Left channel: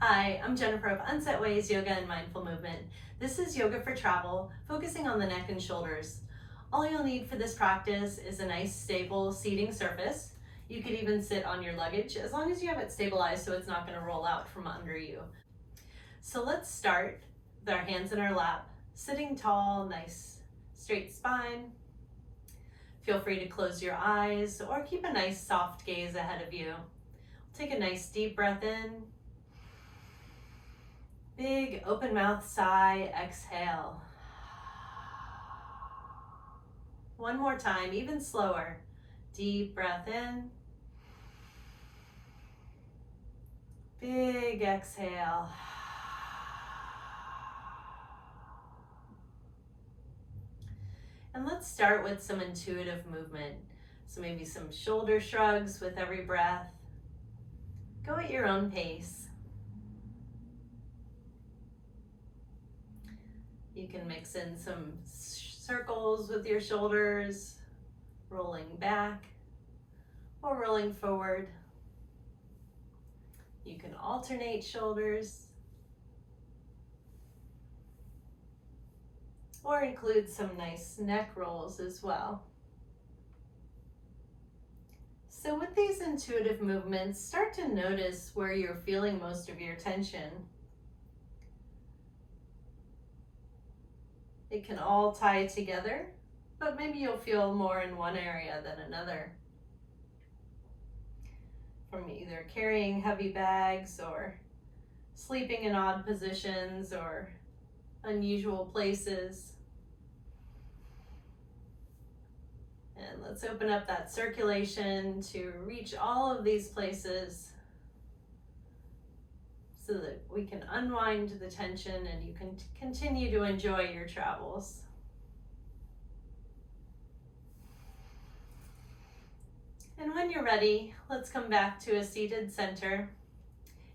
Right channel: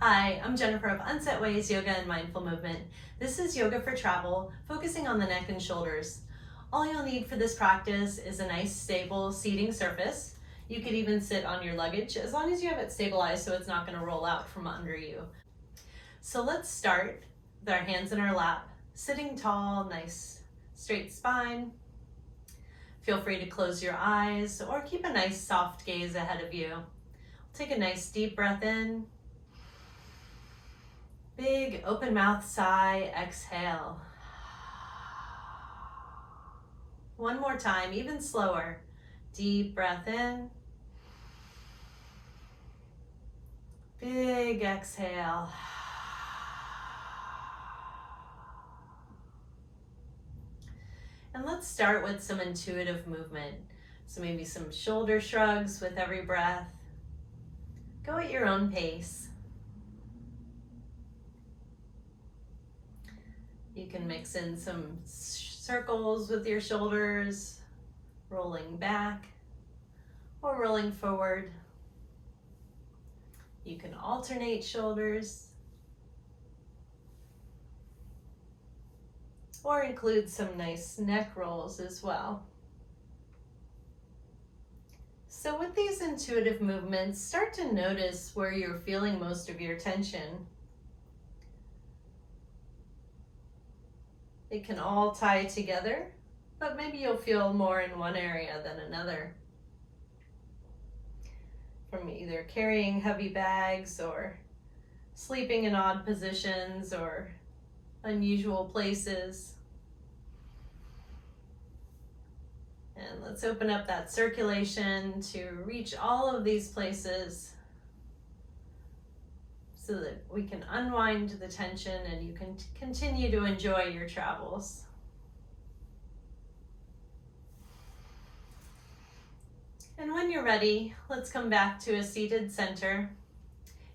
Hi, I'm Jennifer of Unset Ways Yoga and Mindful Movement. This is yoga for travel, focusing on the neck and shoulders. All you'll need for this practice is a nice stable seating surface. You could even sit on your luggage as long as you have it stabilized so it's not going to roll out from under you. So let's start with our hands in our lap, sitting tall, nice straight spine. Feel free to close your eyes or keep a nice soft gaze ahead of you. Take a nice deep breath in. Big open mouth sigh, exhale. One more time, even slower. Deep breath in. Big exhale. And let's start with some intuitive movement. So maybe some shoulder shrugs with every breath. Go at your own pace. You can mix in some circles with your shoulders, rolling back or rolling forward. You can alternate shoulders or include some nice neck rolls as well. So with these intuitive movements, start to notice where you're feeling most of your tension. It can all tie together, but maybe you'll feel more in one area than another. From either carrying heavy bags or sleeping in odd positions or unusual places. And let's open up that circulation to reach all of these places so that we can unwind the tension and you can continue to enjoy your travels. And when you're ready, let's come back to a seated center.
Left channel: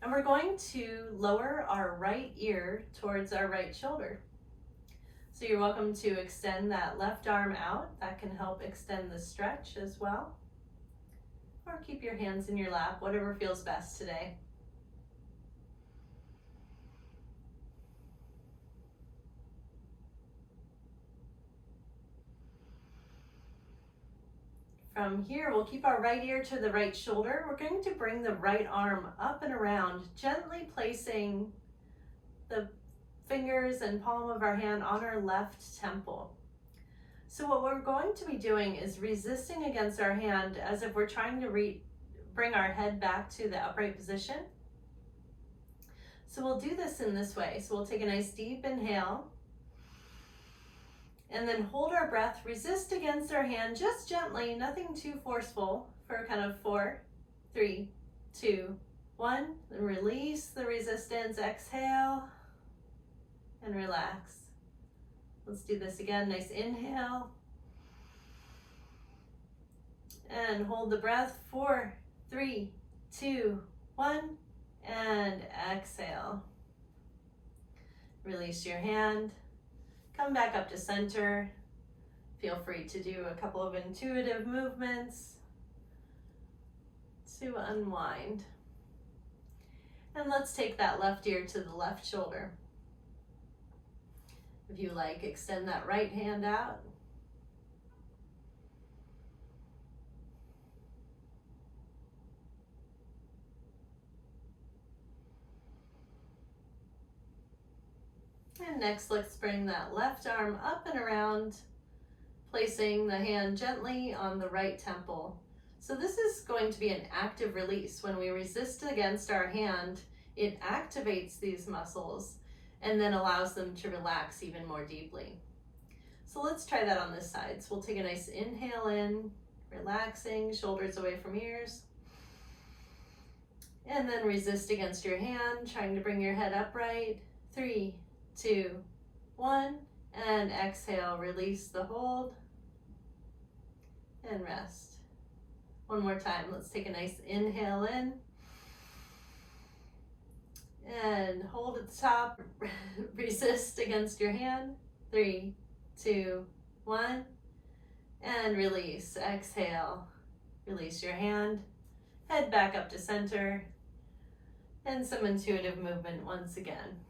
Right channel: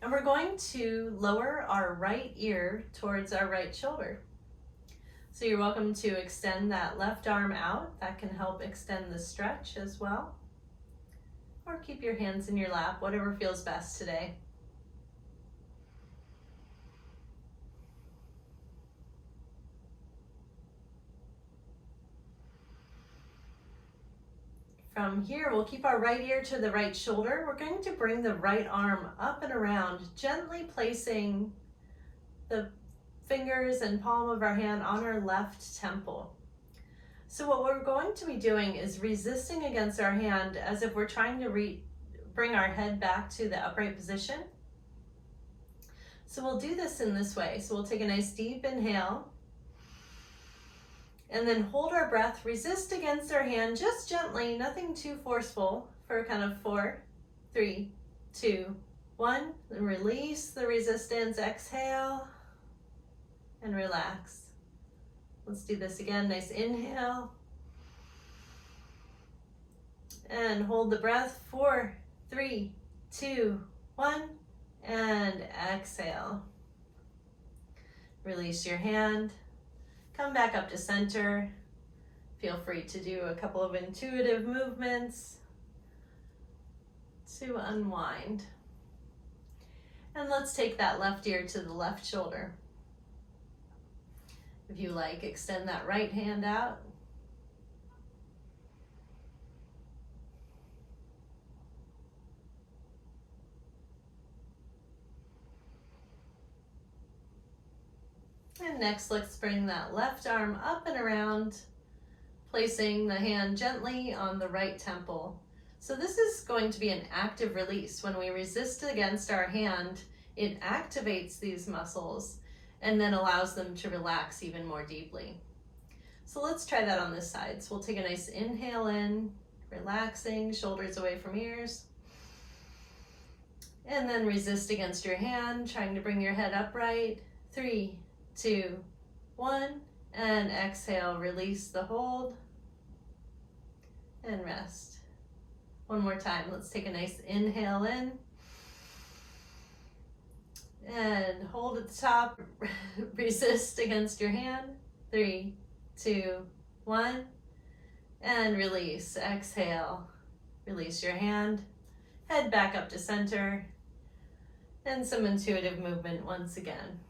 And we're going to lower our right ear towards our right shoulder. So you're welcome to extend that left arm out. That can help extend the stretch as well. Or keep your hands in your lap, whatever feels best today. From here, we'll keep our right ear to the right shoulder. We're going to bring the right arm up and around, gently placing the fingers and palm of our hand on our left temple. So what we're going to be doing is resisting against our hand as if we're trying to bring our head back to the upright position. So we'll do this in this way. So we'll take a nice deep inhale. And then hold our breath, resist against our hand, just gently, nothing too forceful, for a count of 4, 3, 2, 1. Then release the resistance, exhale, and relax. Let's do this again, nice inhale. And hold the breath, 4, 3, 2, 1, and exhale. Release your hand. Come back up to center. Feel free to do a couple of intuitive movements to unwind. And let's take that left ear to the left shoulder. If you like, extend that right hand out. And next, let's bring that left arm up and around, placing the hand gently on the right temple. So this is going to be an active release. When we resist against our hand, it activates these muscles and then allows them to relax even more deeply. So let's try that on this side. So we'll take a nice inhale in, relaxing, shoulders away from ears. And then resist against your hand, trying to bring your head upright. 3, 2, 1, and exhale, release the hold and rest. One more time, let's take a nice inhale in and hold at the top, resist against your hand. 3, 2, 1, and release, exhale, release your hand, head back up to center. And some intuitive movement once again.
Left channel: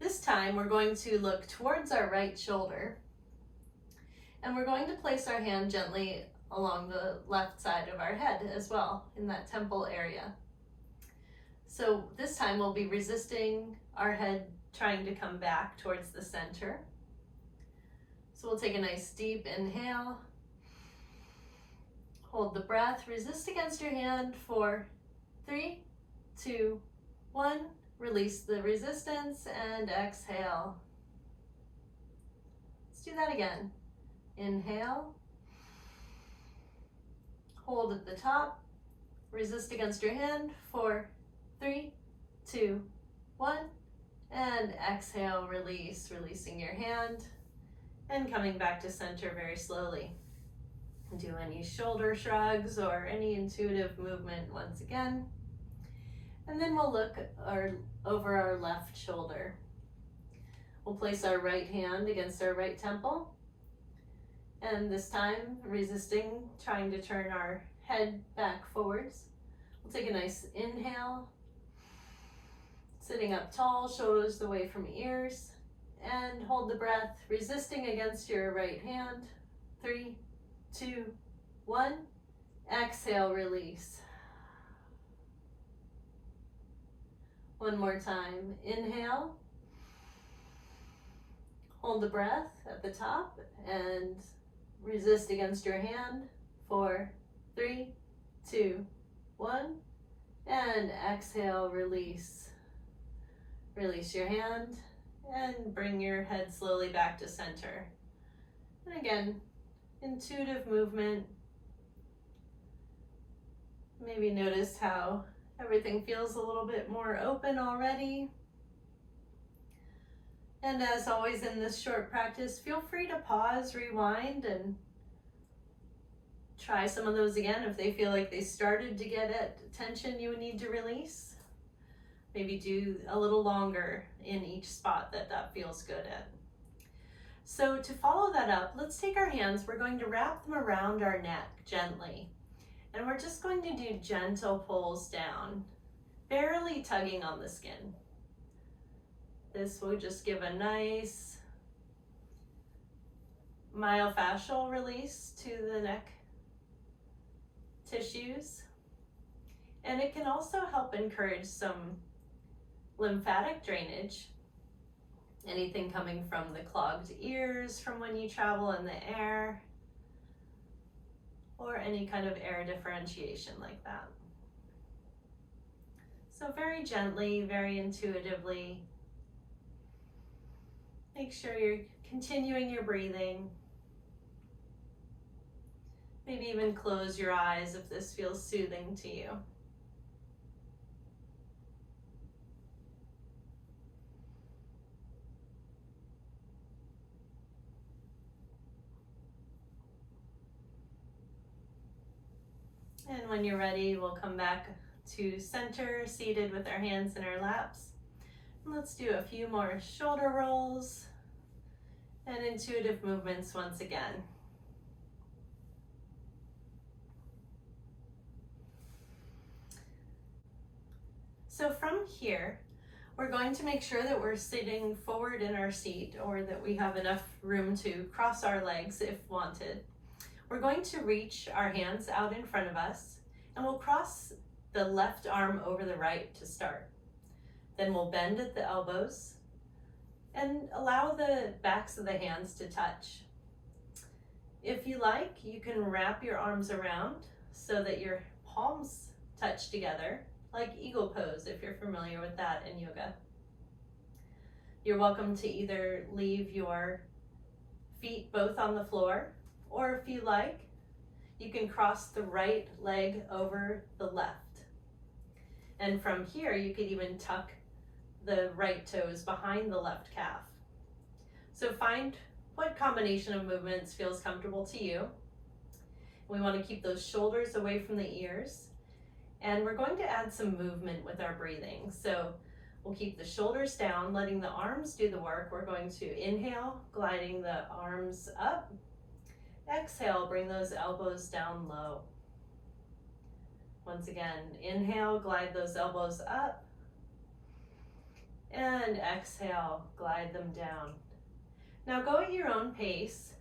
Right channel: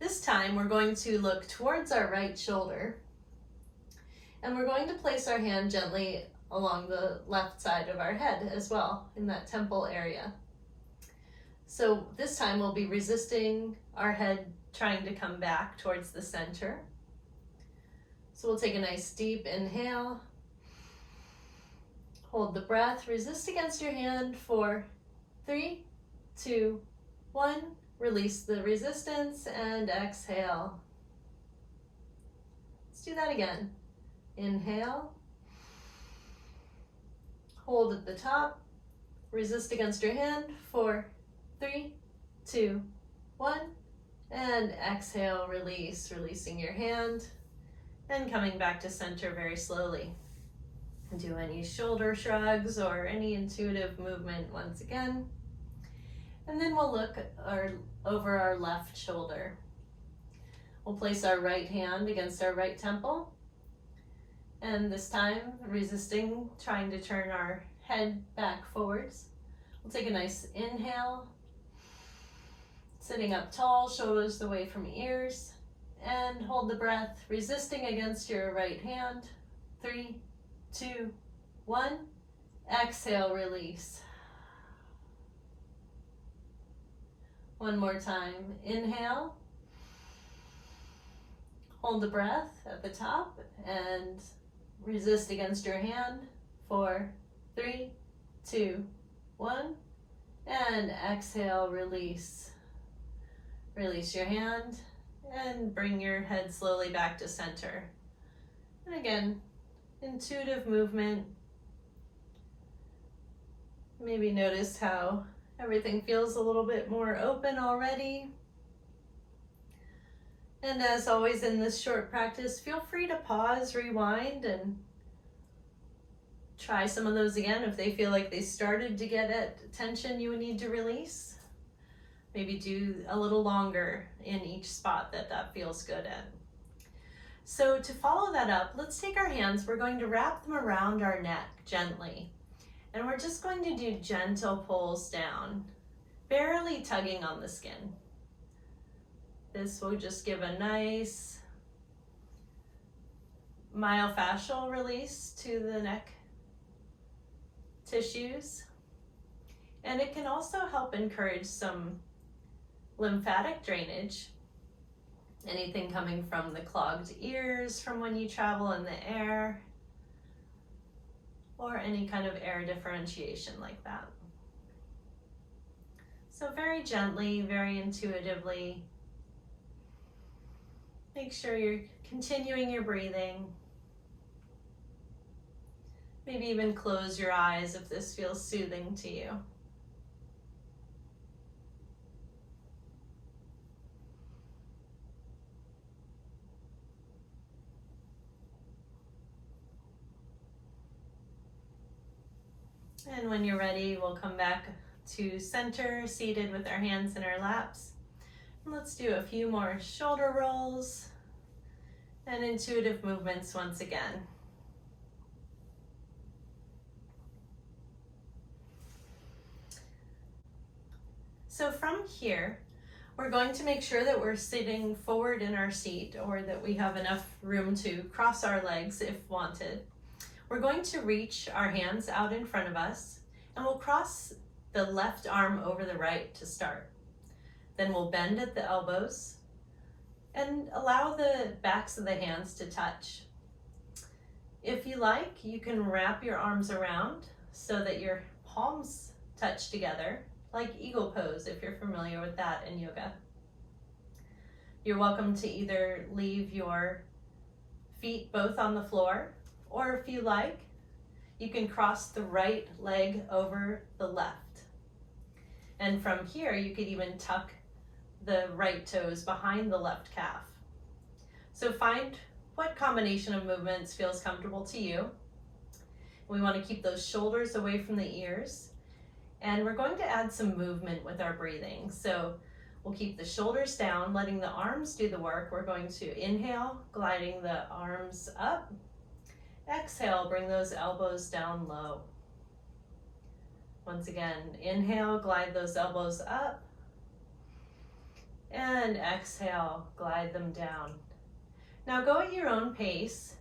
This time we're going to look towards our right shoulder, and we're going to place our hand gently along the left side of our head as well, in that temple area. So this time we'll be resisting our head trying to come back towards the center. So we'll take a nice deep inhale, hold the breath, resist against your hand for 3, 2, 1. Release the resistance and exhale. Let's do that again. Inhale, hold at the top, resist against your hand for 3, 2, 1, and exhale, release, releasing your hand and coming back to center very slowly. Do any shoulder shrugs or any intuitive movement once again. And then we'll look over our left shoulder. We'll place our right hand against our right temple. And this time, resisting, trying to turn our head back forwards. We'll take a nice inhale, sitting up tall, shoulders away from ears, and hold the breath, resisting against your right hand. 3, 2, 1. Exhale, release. One more time. Inhale. Hold the breath at the top and resist against your hand. 4, 3, 2, 1. And exhale, release. Release your hand and bring your head slowly back to center. And again, intuitive movement. Maybe notice how everything feels a little bit more open already. And as always in this short practice, feel free to pause, rewind, and try some of those again if they feel like they started to get at tension you would need to release. Maybe do a little longer in each spot that feels good at. So to follow that up, let's take our hands, we're going to wrap them around our neck gently. And we're just going to do gentle pulls down, barely tugging on the skin. This will just give a nice myofascial release to the neck tissues. And it can also help encourage some lymphatic drainage. Anything coming from the clogged ears from when you travel in the air, or any kind of air differentiation like that. So very gently, very intuitively, make sure you're continuing your breathing. Maybe even close your eyes if this feels soothing to you. And when you're ready, we'll come back to center, seated with our hands in our laps. And let's do a few more shoulder rolls and intuitive movements once again. So from here, we're going to make sure that we're sitting forward in our seat, or that we have enough room to cross our legs if wanted. We're going to reach our hands out in front of us, and we'll cross the left arm over the right to start. Then we'll bend at the elbows and allow the backs of the hands to touch. If you like, you can wrap your arms around so that your palms touch together, like eagle pose if you're familiar with that in yoga. You're welcome to either leave your feet both on the floor, or if you like, you can cross the right leg over the left. And from here, you could even tuck the right toes behind the left calf. So find what combination of movements feels comfortable to you. We want to keep those shoulders away from the ears. And we're going to add some movement with our breathing. So we'll keep the shoulders down, letting the arms do the work. We're going to inhale, gliding the arms up. Exhale, bring those elbows down low. Once again, inhale, glide those elbows up. And exhale, glide them down. Now go at your own pace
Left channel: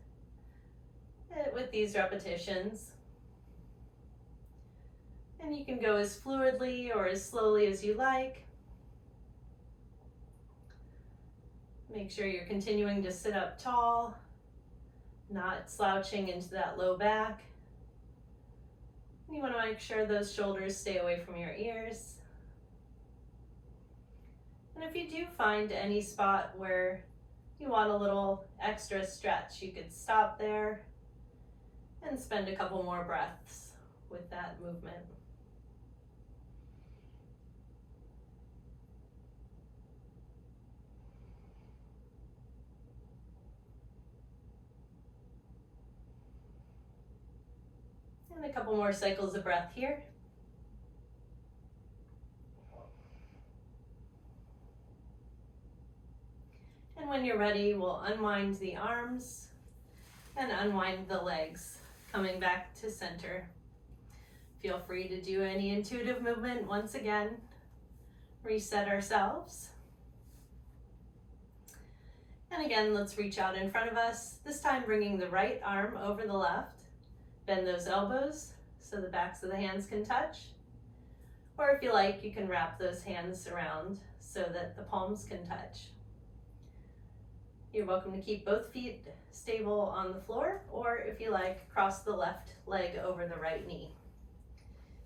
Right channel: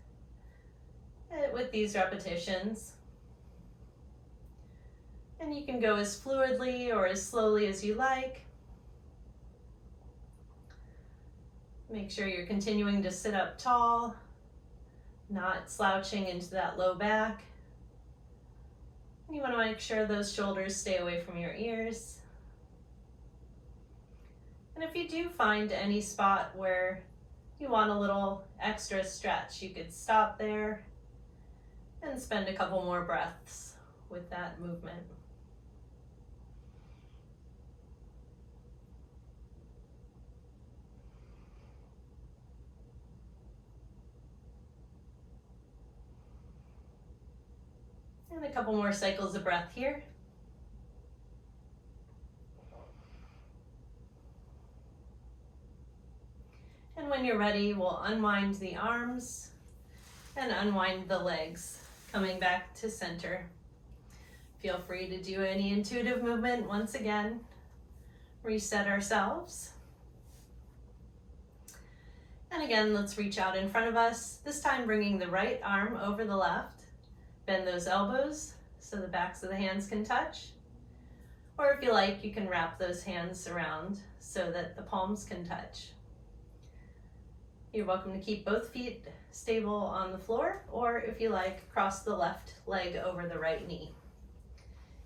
with these repetitions. And you can go as fluidly or as slowly as you like. Make sure you're continuing to sit up tall, not slouching into that low back. You want to make sure those shoulders stay away from your ears. And if you do find any spot where you want a little extra stretch, you could stop there and spend a couple more breaths with that movement. And a couple more cycles of breath here. And when you're ready, we'll unwind the arms and unwind the legs, coming back to center. Feel free to do any intuitive movement once again. Reset ourselves. And again, let's reach out in front of us, this time bringing the right arm over the left. Bend those elbows so the backs of the hands can touch. Or if you like, you can wrap those hands around so that the palms can touch. You're welcome to keep both feet stable on the floor, or if you like, cross the left leg over the right knee.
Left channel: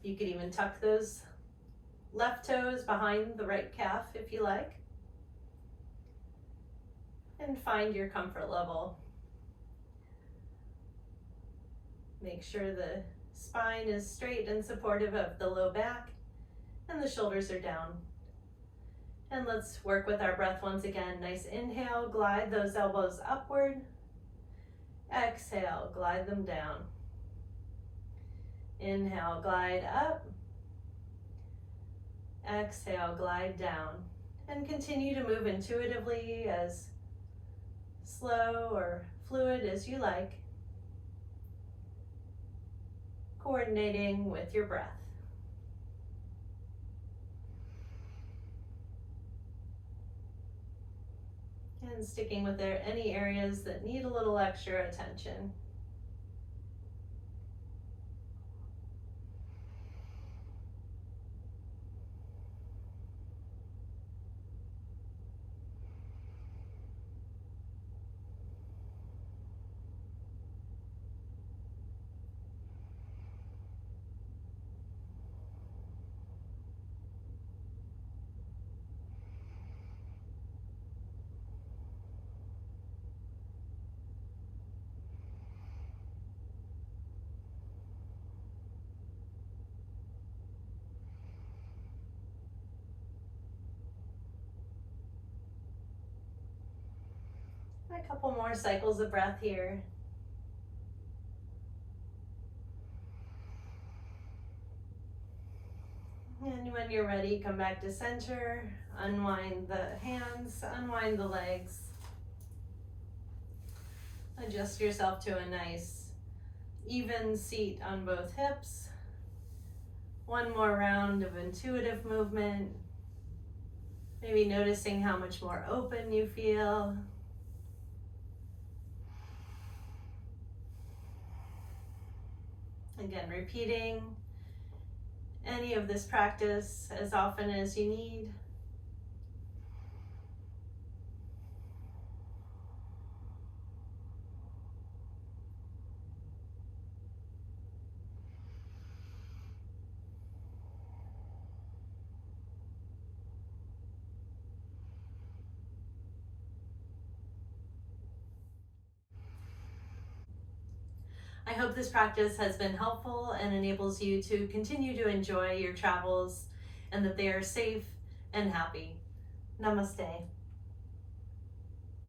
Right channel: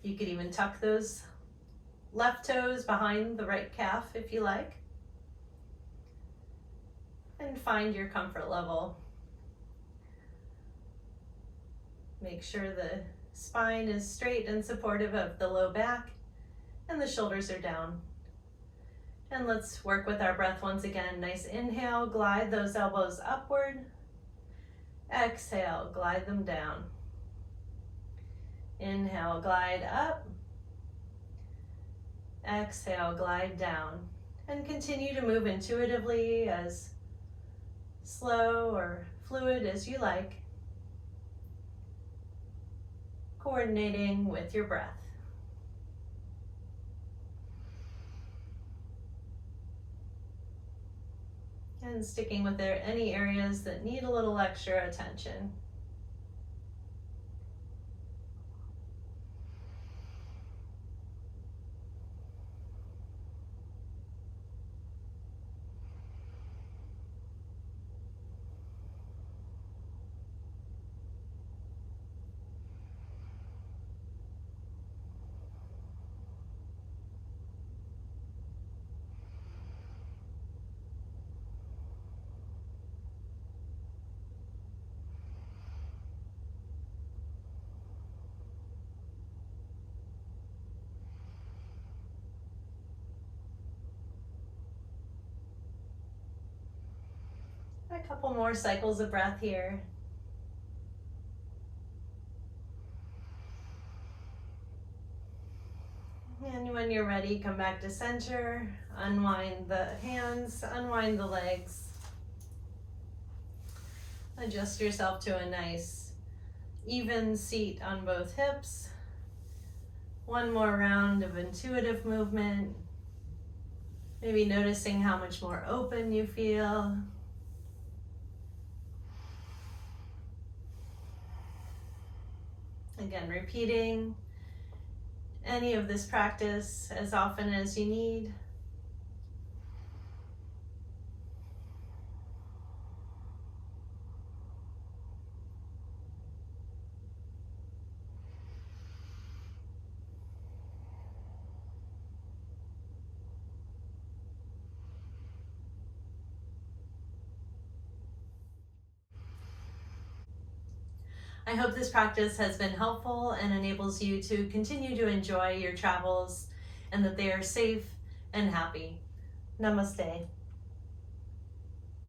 You could even tuck those left toes behind the right calf if you like. And find your comfort level. Make sure the spine is straight and supportive of the low back and the shoulders are down. And let's work with our breath once again. Nice inhale, glide those elbows upward. Exhale, glide them down. Inhale, glide up. Exhale, glide down. And continue to move intuitively, as slow or fluid as you like, coordinating with your breath. And sticking with any areas that need a little extra attention. A couple more cycles of breath here. And when you're ready, come back to center, unwind the hands, unwind the legs. Adjust yourself to a nice, even seat on both hips. One more round of intuitive movement. Maybe noticing how much more open you feel. Again, repeating any of this practice as often as you need. I hope this practice has been helpful and enables you to continue to enjoy your travels and that they are safe and happy. Namaste.